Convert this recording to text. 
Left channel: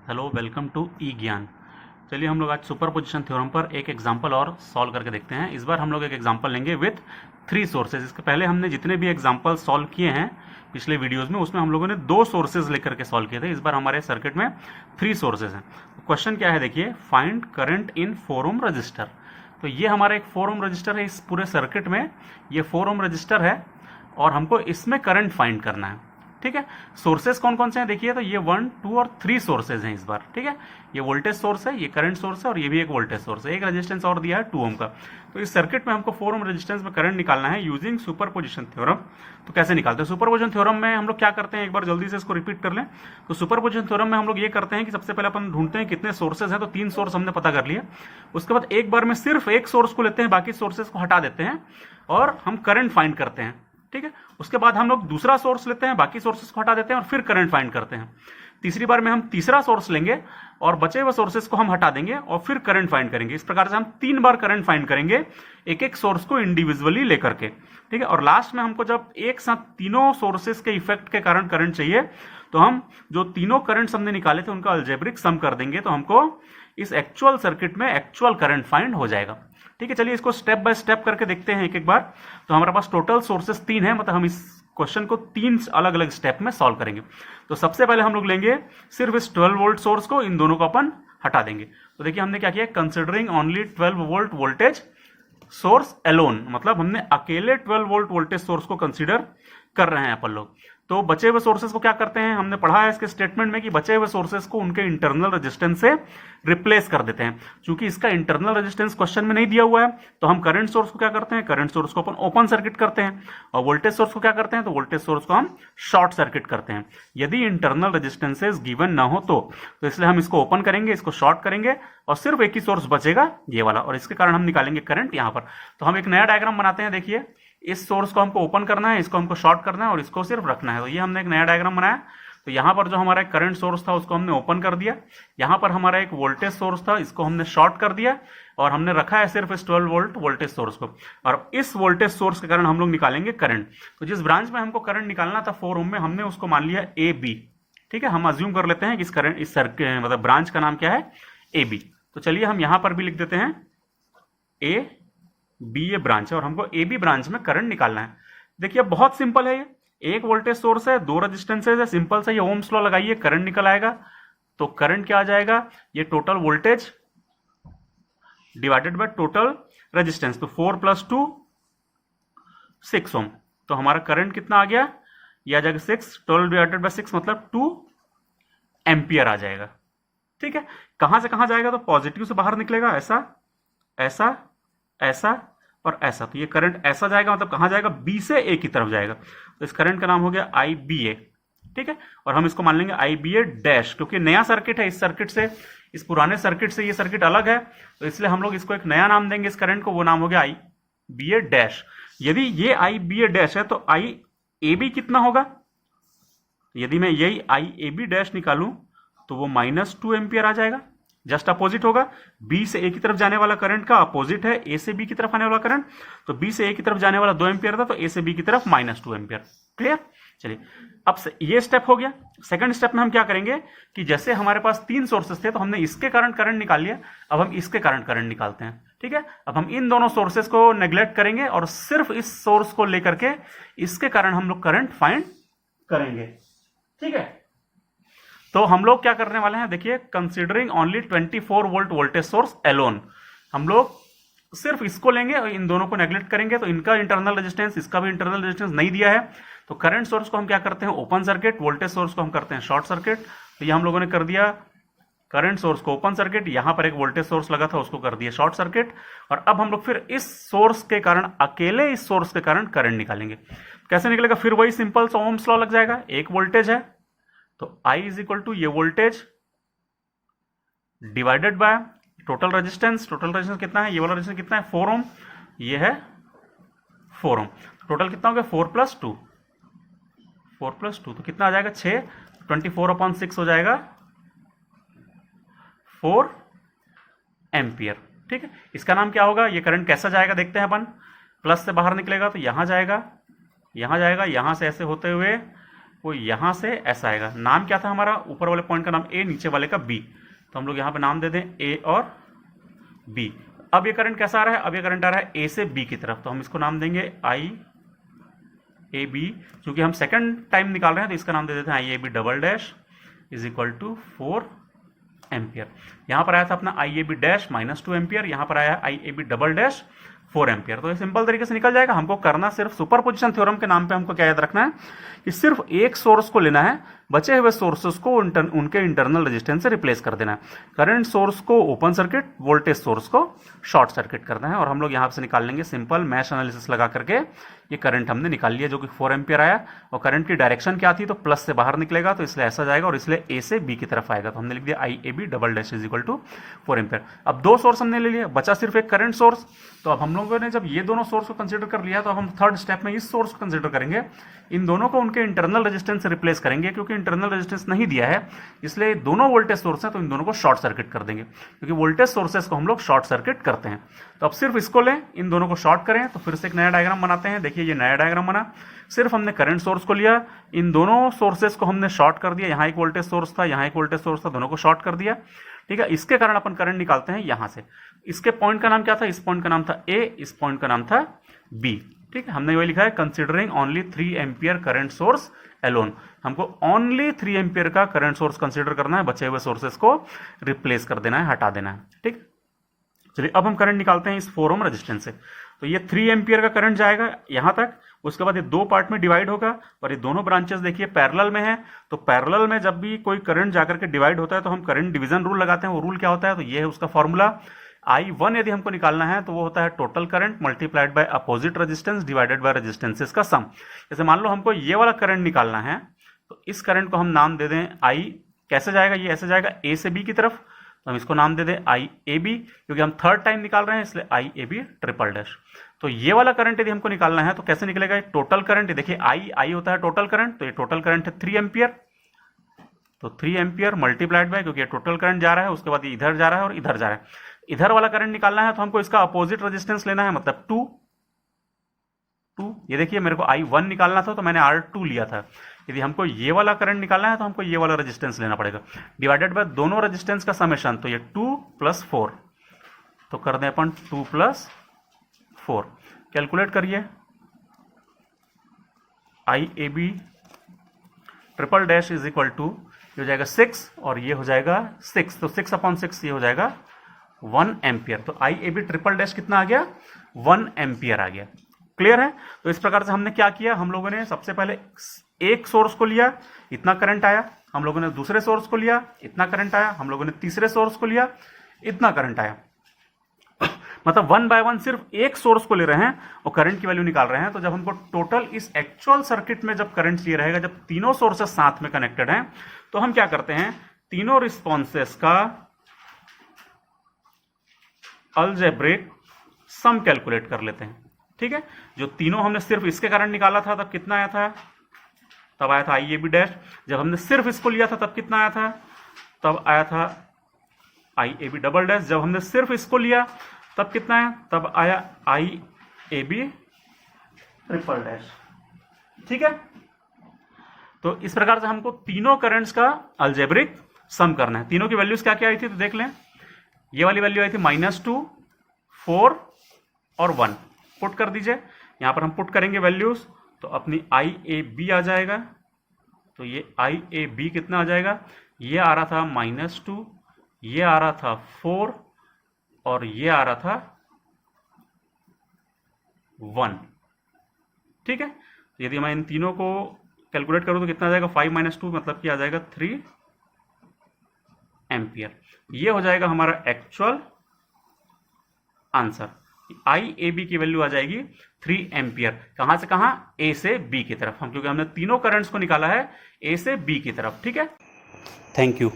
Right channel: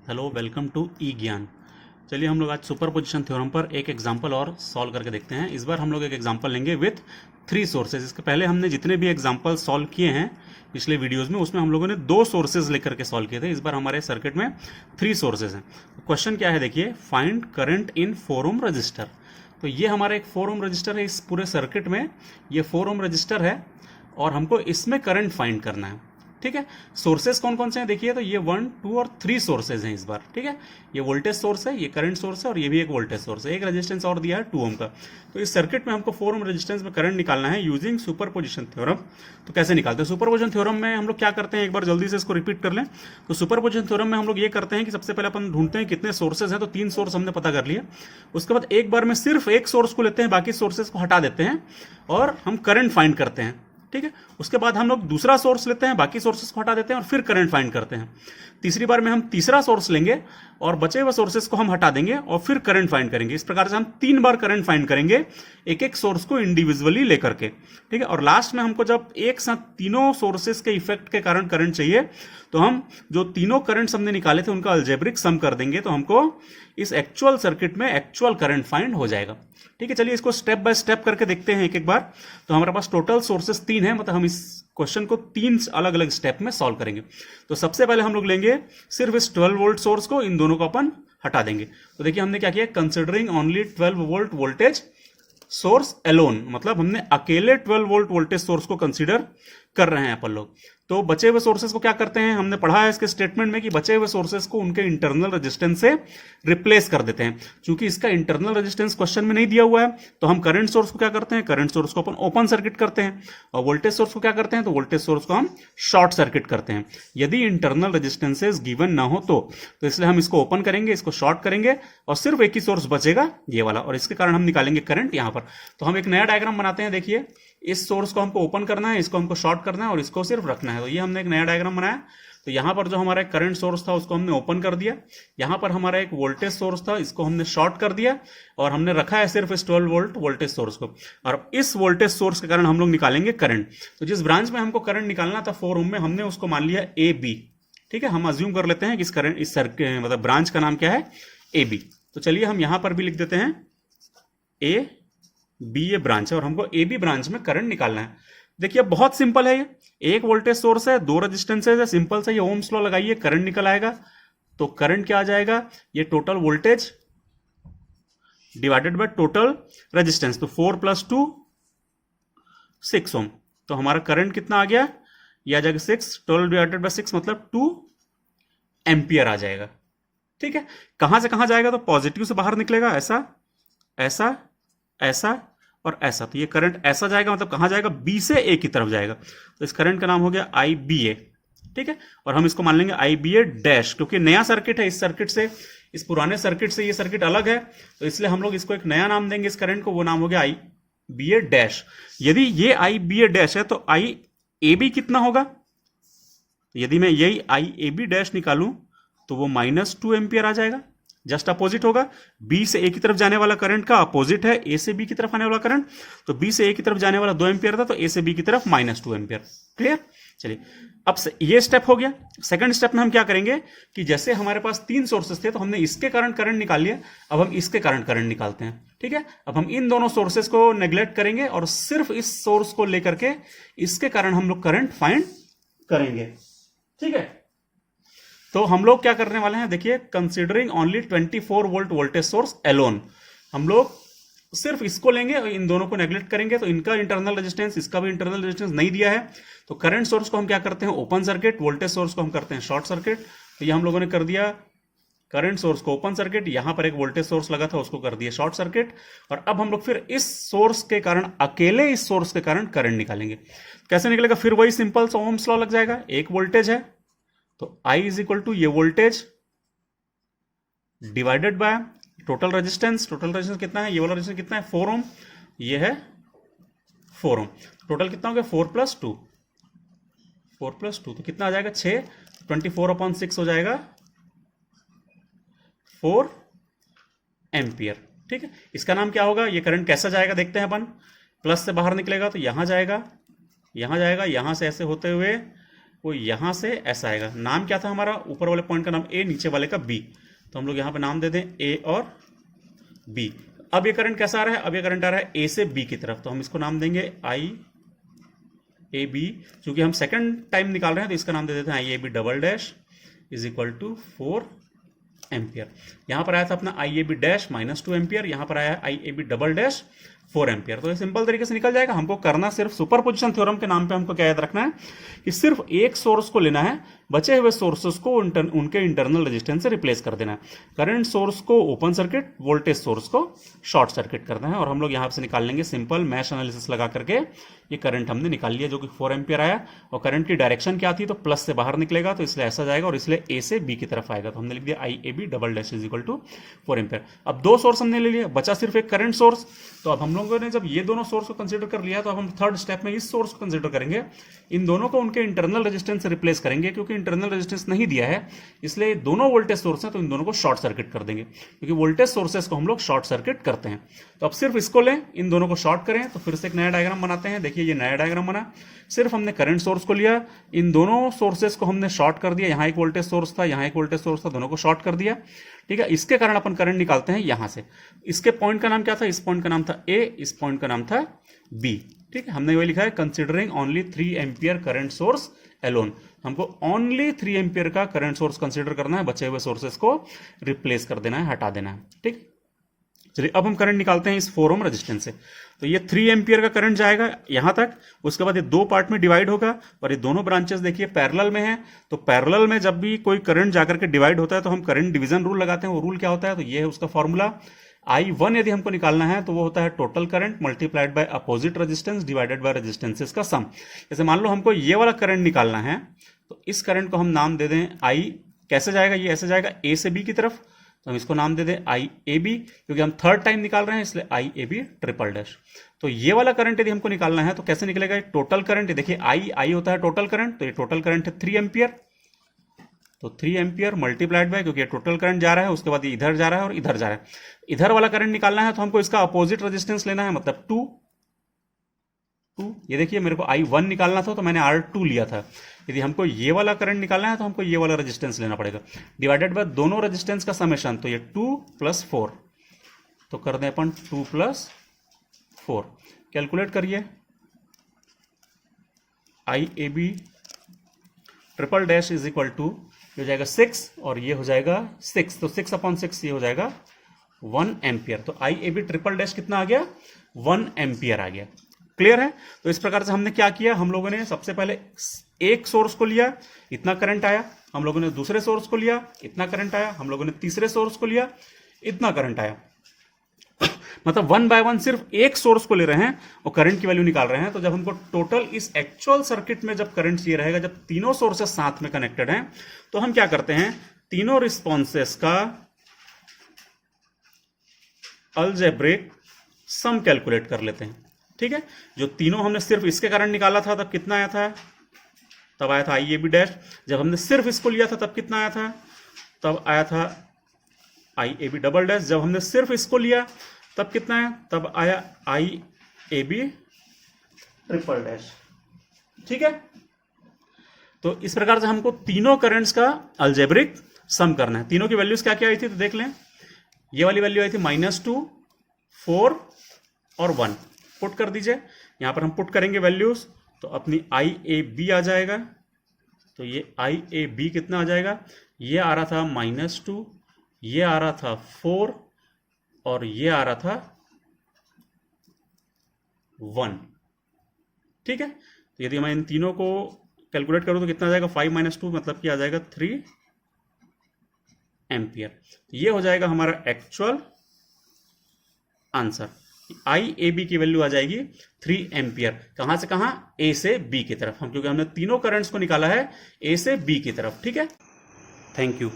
Hello, welcome to ई ज्ञान। चलिए हम लोग आज सुपरपोजिशन थ्योरम पर एक एग्जांपल और सॉल्व करके देखते हैं। इस बार हम लोग एक एग्जांपल लेंगे विथ 3 सोर्सेज। इसके पहले हमने जितने भी एग्जांपल सॉल्व किए हैं पिछले वीडियोस में, उसमें हम लोगों ने 2 सोर्सेज लेकर के सॉल्व किए थे। इस बार हमारे सर्किट में 3 सोर्सेज हैं। क्वेश्चन क्या है देखिए, find current in 4 ohm resistor. तो ये हमारा एक 4 ओम रजिस्टर है। इस पूरे सर्किट में ये 4 ओम रजिस्टर है और हमको इसमें करंट फाइंड करना है। ठीक है, सोर्सेस कौन कौन से हैं देखिए, तो ये 1, 2 और 3 सोर्सेज हैं इस बार। ठीक है, ये वोल्टेज सोर्स है, ये करंट सोर्स है और ये भी एक वोल्टेज सोर्स है। एक रेजिस्टेंस और दिया है 2 ओम का। तो इस सर्किट में हमको 4 ओम रेजिस्टेंस में करंट निकालना है यूजिंग सुपरपोजिशन थ्योरम। तो कैसे निकालते हैं सुपरपोजिशन थ्योरम में? हम लोग क्या करते हैं, एक बार जल्दी से इसको रिपीट कर लें। तो सुपरपोजिशन थ्योरम में हम लोग ये करते हैं कि सबसे पहले अपन ढूंढते हैं कितने सोर्सेज हैं। तो 3 सोर्स हमने पता कर लिया। उसके बाद एक बार में सिर्फ एक सोर्स को लेते हैं, बाकी सोर्सेज को हटा देते हैं और हम करंट फाइंड करते हैं। ठीक है, उसके बाद हम लोग दूसरा सोर्स लेते हैं, बाकी सोर्सेस को हटा देते हैं और फिर करंट फाइंड करते हैं। तीसरी बार में हम तीसरा सोर्स लेंगे और बचे हुए सोर्सेस को हम हटा देंगे और फिर करंट फाइंड करेंगे। इस प्रकार से हम 3 बार करंट फाइंड करेंगे, एक एक सोर्स को इंडिविजुअली लेकर के। ठीक है, और लास्ट में हमको जब एक साथ तीनों सोर्सेस के इफेक्ट के कारण करंट चाहिए, तो हम जो तीनों करंट्स हमने निकाले थे उनका अलजेब्रिक सम कर देंगे, तो हमको इस एक्चुअल सर्किट में एक्चुअल करंट फाइंड हो जाएगा। ठीक है, चलिए इसको स्टेप बाय स्टेप करके देखते हैं एक एक बार। तो हमारे पास टोटल सोर्सेस 3 है, मतलब हम इस क्वेश्चन को 3 अलग अलग स्टेप में सॉल्व करेंगे। तो सबसे पहले हम लोग लेंगे सिर्फ इस 12 वोल्ट सोर्स को, इन दोनों को अपन हटा देंगे। तो देखिए हमने क्या किया, considering only 12 volt voltage source alone, मतलब हमने अकेले 12 वोल्ट वोल्टेज सोर्स को कंसीडर कर रहे हैं अपन लोग। तो बचे हुए सोर्सेस को क्या करते हैं, हमने पढ़ा है इसके स्टेटमेंट में कि बचे हुए सोर्सेस को उनके इंटरनल रेजिस्टेंस से रिप्लेस कर देते हैं। चूंकि इसका इंटरनल रेजिस्टेंस क्वेश्चन में नहीं दिया हुआ है, तो हम करंट सोर्स को क्या करते हैं, करंट सोर्स को अपन ओपन सर्किट करते हैं, और वोल्टेज सोर्स को क्या करते हैं, तो वोल्टेज सोर्स को हम शॉर्ट सर्किट करते हैं यदि इंटरनल रेजिस्टेंसेस गिवन ना हो तो इसलिए हम इसको ओपन करेंगे, इसको शॉर्ट करेंगे और सिर्फ एक ही सोर्स बचेगा, ये वाला, और इसके कारण हम निकालेंगे करंट यहां पर। तो हम एक नया डायग्राम बनाते हैं। देखिए, इस सोर्स को हमको ओपन करना है, इसको हमको शॉर्ट करना है और इसको सिर्फ रखना है। तो ये हमने एक नया डायग्राम बनाया। तो यहां पर जो हमारा करंट सोर्स था उसको हमने ओपन कर दिया, यहां पर हमारा एक वोल्टेज सोर्स था, इसको हमने शॉर्ट कर दिया और हमने रखा है सिर्फ इस 12 वोल्ट वोल्टेज सोर्स को। और इस वोल्टेज सोर्स के कारण हम लोग निकालेंगे करंट। तो जिस ब्रांच में हमको करंट निकालना था 4 ओम में, हमने उसको मान लिया ए बी। ठीक है, हम अज्यूम कर लेते हैं कि इस करंट इस सर्किट मतलब ब्रांच का नाम क्या है, ए बी। तो चलिए हम यहां पर भी लिख देते हैं ए बी, ये ब्रांच है और हमको ए बी ब्रांच में करंट निकालना है। देखिए बहुत सिंपल है, ये एक वोल्टेज सोर्स है, 2 रेजिस्टेंसेज है, सिंपल सा ये ओम्स लॉ लगाइए, करंट निकल आएगा। तो करंट क्या आ जाएगा, ये total voltage divided by total resistance. तो 4 + 2 6 ओम। तो हमारा करंट कितना आ गया, ये आ जाएगा 6, 12 डिवाइडेड बाय 6 मतलब 2 एम्पियर आ जाएगा। ठीक है, कहां से कहां जाएगा, तो पॉजिटिव से बाहर निकलेगा, ऐसा ऐसा ऐसा और ऐसा। तो ये करंट ऐसा जाएगा, मतलब कहां जाएगा, बी से ए की तरफ जाएगा। तो इस करंट का नाम हो गया आई बी ए। ठीक है, और हम इसको मान लेंगे आई बी ए डैश, क्योंकि नया सर्किट है। इस सर्किट से, इस पुराने सर्किट से ये सर्किट अलग है, तो इसलिए हम लोग इसको एक नया नाम देंगे इस करंट को, वो नाम हो गया आई बी ए डैश। यदि ये आई बी ए डैश है तो आई ए बी कितना होगा, यदि मैं यही आई ए बी डैश निकालूं तो वो -2 एम्पियर आ जाएगा। जस्ट अपोजिट होगा, बी से ए की तरफ जाने वाला करंट का अपोजिट है ए से बी की तरफ आने वाला करंट। तो बी से ए की तरफ जाने वाला 2 एम्पियर था, तो ए से बी की तरफ -2 एम्पियर। क्लियर? चलिए, अब से ये स्टेप हो गया। सेकंड स्टेप में हम क्या करेंगे कि जैसे हमारे पास 3 सोर्सेस थे, तो हमने इसके कारण करंट निकाल लिया, अब हम इसके कारण करंट निकालते हैं। ठीक है, अब हम इन दोनों सोर्सेस को नेग्लेक्ट करेंगे और सिर्फ इस सोर्स को लेकर के इसके कारण हम लोग करंट फाइंड करेंगे। ठीक है, तो हम लोग क्या करने वाले हैं, देखिए, considering only 24 volt voltage source alone, हम लोग सिर्फ इसको लेंगे और इन दोनों को नेग्लेक्ट करेंगे। तो इनका इंटरनल रेजिस्टेंस, इसका भी इंटरनल रेजिस्टेंस नहीं दिया है। तो करंट सोर्स को हम क्या करते हैं, ओपन सर्किट, वोल्टेज सोर्स को हम करते हैं शॉर्ट सर्किट। तो ये हम लोगों ने कर दिया, करंट सोर्स को ओपन सर्किट, यहां पर एक वोल्टेज सोर्स लगा था उसको कर दिया शॉर्ट सर्किट। और अब हम लोग फिर इस सोर्स के कारण, अकेले इस सोर्स के कारण करंट निकालेंगे। कैसे निकलेगा, फिर वही सिंपल सा ओम्स लॉ लग जाएगा। एक वोल्टेज है तो I = ये voltage divided by total resistance. Total resistance कितना है, ये वाला रेजिस्टेंस कितना है, 4 ओम, ये है 4 ओम। टोटल कितना हो गया, 4 + 2, 4 + 2 तो कितना आ जाएगा, 6। 24/6 हो जाएगा 4 एम्पियर। ठीक है, इसका नाम क्या होगा, ये करंट कैसा जाएगा देखते हैं अपन। प्लस से बाहर निकलेगा तो यहां जाएगा, यहां जाएगा, यहां से ऐसे होते हुए वो यहाँ से ऐसा आएगा। नाम क्या था हमारा? ऊपर वाले पॉइंट का नाम ए, नीचे वाले का बी, तो हम लोग यहाँ पे नाम दे दें ए और बी। अब ये करंट कैसा आ रहा है? अब ये करंट आ रहा है ए से बी की तरफ, तो हम इसको नाम देंगे आई ए बी। क्योंकि हम सेकंड टाइम निकाल रहे हैं तो इसका नाम दे देते हैं I A B double dash is equal to 4 ampere. यहां पर आया था अपना I A B dash -2 ampere, यहां पर आया I A B double dash 4 ampere. तो ये सिंपल तरीके से निकल जाएगा। हमको करना सिर्फ सुपरपोजिशन थ्योरम के नाम पे हमको क्या याद रखना है कि सिर्फ एक सोर्स को लेना है, बचे हुए सोर्सेस को उनके इंटरनल रेजिस्टेंस से रिप्लेस कर देना है। करंट सोर्स को ओपन सर्किट, वोल्टेज सोर्स को शॉर्ट सर्किट करना है। और हम लोग यहां से निकाल लेंगे सिंपल मैश एनालिसिस लगा करके ये करंट हमने निकाल लिया जो कि 4 एम्पियर आया। और करंट की डायरेक्शन क्या थी? तो प्लस से बाहर निकलेगा, तो इसलिए ऐसा जाएगा और इसलिए ए से बी की तरफ आएगा। तो हमने लिख दिया I A B double dash is equal to 4 ampere. अब दो सोर्स हमने ले लिया, बचा सिर्फ एक करंट सोर्स। तो अब हम लोगों ने जब ये दोनों सोर्स को कंसीडर कर लिया तो अब हम थर्ड स्टेप में इस सोर्स को कंसीडर करेंगे। इन दोनों को उनके इंटरनल रेजिस्टेंस से रिप्लेस करेंगे। क्योंकि इंटरनल रेजिस्टेंस नहीं दिया है इसलिए दोनों वोल्टेज सोर्स हैं, तो इन दोनों को शॉर्ट सर्किट कर देंगे, क्योंकि वोल्टेज सोर्सेस को हम लोग शॉर्ट सर्किट करते हैं। तो अब सिर्फ इसको लें, इन दोनों को शॉर्ट करें, तो फिर से एक नया डायग्राम बनाते हैं। देखिए ये नया डायग्राम बना। सिर्फ हमने करंट सोर्स को लिया, इन दोनों सोर्सेस को हमने शॉर्ट कर दिया। यहां एक वोल्टेज सोर्स था, यहां एक वोल्टेज सोर्स था, दोनों को शॉर्ट कर दिया। ठीक है, इसके कारण अपन करंट निकालते हैं यहां से। इसके पॉइंट का नाम क्या था? इस पॉइंट का नाम था ए, इस पॉइंट का नाम था बी। ठीक है, हमने वही लिखा है considering only 3 ampere current source alone. हमको ओनली 3 एम्पियर का करंट सोर्स कंसीडर करना है, बचे हुए सोर्सेस को रिप्लेस कर देना है, हटा देना है। ठीक, चलिए अब हम करंट निकालते हैं इस 4 ओम रेजिस्टेंस से। तो ये 3 एम्पियर का करंट जाएगा यहां तक, उसके बाद ये दो पार्ट में डिवाइड होगा और ये दोनों ब्रांचेस देखिए पैरेलल में है। तो पैरेलल में जब भी कोई करंट जाकर के डिवाइड होता है तो हम करंट डिवीजन रूल लगाते हैं। वो रूल क्या होता है? तो ये है उसका फॉर्मूला। I1 यदि हमको निकालना है तो वो होता है total current multiplied by opposite resistance divided by resistances का सम। जैसे मान लो हमको ये वाला करंट निकालना है तो इस करंट को हम नाम दे दें I। कैसे जाएगा? ये ऐसे जाएगा A से B की तरफ, तो हम इसको नाम दे दें आई ए बी, क्योंकि हम थर्ड टाइम निकाल रहे हैं इसलिए आई ए बी ट्रिपल डैश। तो ये वाला करंट यदि हमको निकालना है तो कैसे निकलेगा? टोटल करंट, देखिए आई होता है टोटल करंट, तो ये टोटल करंट है 3 एम्पियर। तो 3 एम्पियर मल्टीप्लाइड बाय, क्योंकि ये टोटल करंट जा रहा है, उसके बाद ये इधर जा रहा है और इधर जा रहा है। इधर वाला करंट निकालना है तो हमको इसका अपोजिट रेजिस्टेंस लेना है, मतलब 2। ये देखिए मेरे को I1 निकालना था तो मैंने R2 लिया था। यदि हमको ये वाला करंट निकालना है तो हमको ये वाला रेजिस्टेंस लेना पड़ेगा, डिवाइडेड बाय दोनों रेजिस्टेंस का समेशन। तो ये 2 + 4, तो कर दें अपन 2 + 4। कैलकुलेट करिए, IAB triple dash is equal to हो जाएगा 6 और ये हो जाएगा 6, तो 6/6 ये हो जाएगा 1 एम्पियर। तो IAB ट्रिपल डैश कितना आ गया? 1 एम्पियर आ गया। क्लियर है? तो इस प्रकार से हमने क्या किया, हम लोगों ने सबसे पहले एक सोर्स को लिया, इतना करंट आया। हम लोगों ने दूसरे सोर्स को लिया, इतना करंट आया। हम लोगों ने तीसरे सोर्स को लिया, इतना करंट आया। मतलब 1 बाय 1 सिर्फ एक सोर्स को ले रहे हैं और करंट की वैल्यू निकाल रहे हैं। तो जब हमको टोटल इस एक्चुअल सर्किट में जब करंट चाहिए रहेगा, जब तीनों सोर्सेस साथ में कनेक्टेड हैं, तो हम क्या करते हैं, तीनों रिस्पॉन्सेस का अलजेब्रिक सम कैलकुलेट कर लेते हैं। ठीक है, जो तीनों हमने सिर्फ इसके कारण निकाला था तब कितना आया था? तब आया था IAB डैश। जब हमने सिर्फ इसको लिया था तब कितना आया था? तब आया था IAB डबल डैश। जब हमने सिर्फ इसको लिया तब कितना आया? तब आया IAB ट्रिपल डैश। ठीक है, तो इस प्रकार से हमको तीनों करंट्स का अलजेब्रिक सम करना है। तीनों की वैल्यूज क्या क्या आई थी तो देख लें। ये वाली वैल्यू आई थी -2, 4 और 1। पुट कर दीजिए, यहां पर हम पुट करेंगे वैल्यूज, तो अपनी IAB आ जाएगा। तो ये IAB कितना आ जाएगा? ये आ रहा था -2, ये आ रहा था 4 और ये आ रहा था 1। ठीक है, तो यदि मैं इन तीनों को कैलकुलेट करूं तो कितना आ जाएगा? 5 - 2 मतलब कि आ जाएगा 3 एम्पियर। ये हो जाएगा हमारा एक्चुअल आंसर। IAB की वैल्यू आ जाएगी 3 एम्पियर। कहां से कहां? A से B की तरफ। हम क्योंकि हमने तीनों करंट्स को निकाला है A से B की तरफ। ठीक है, थैंक यू।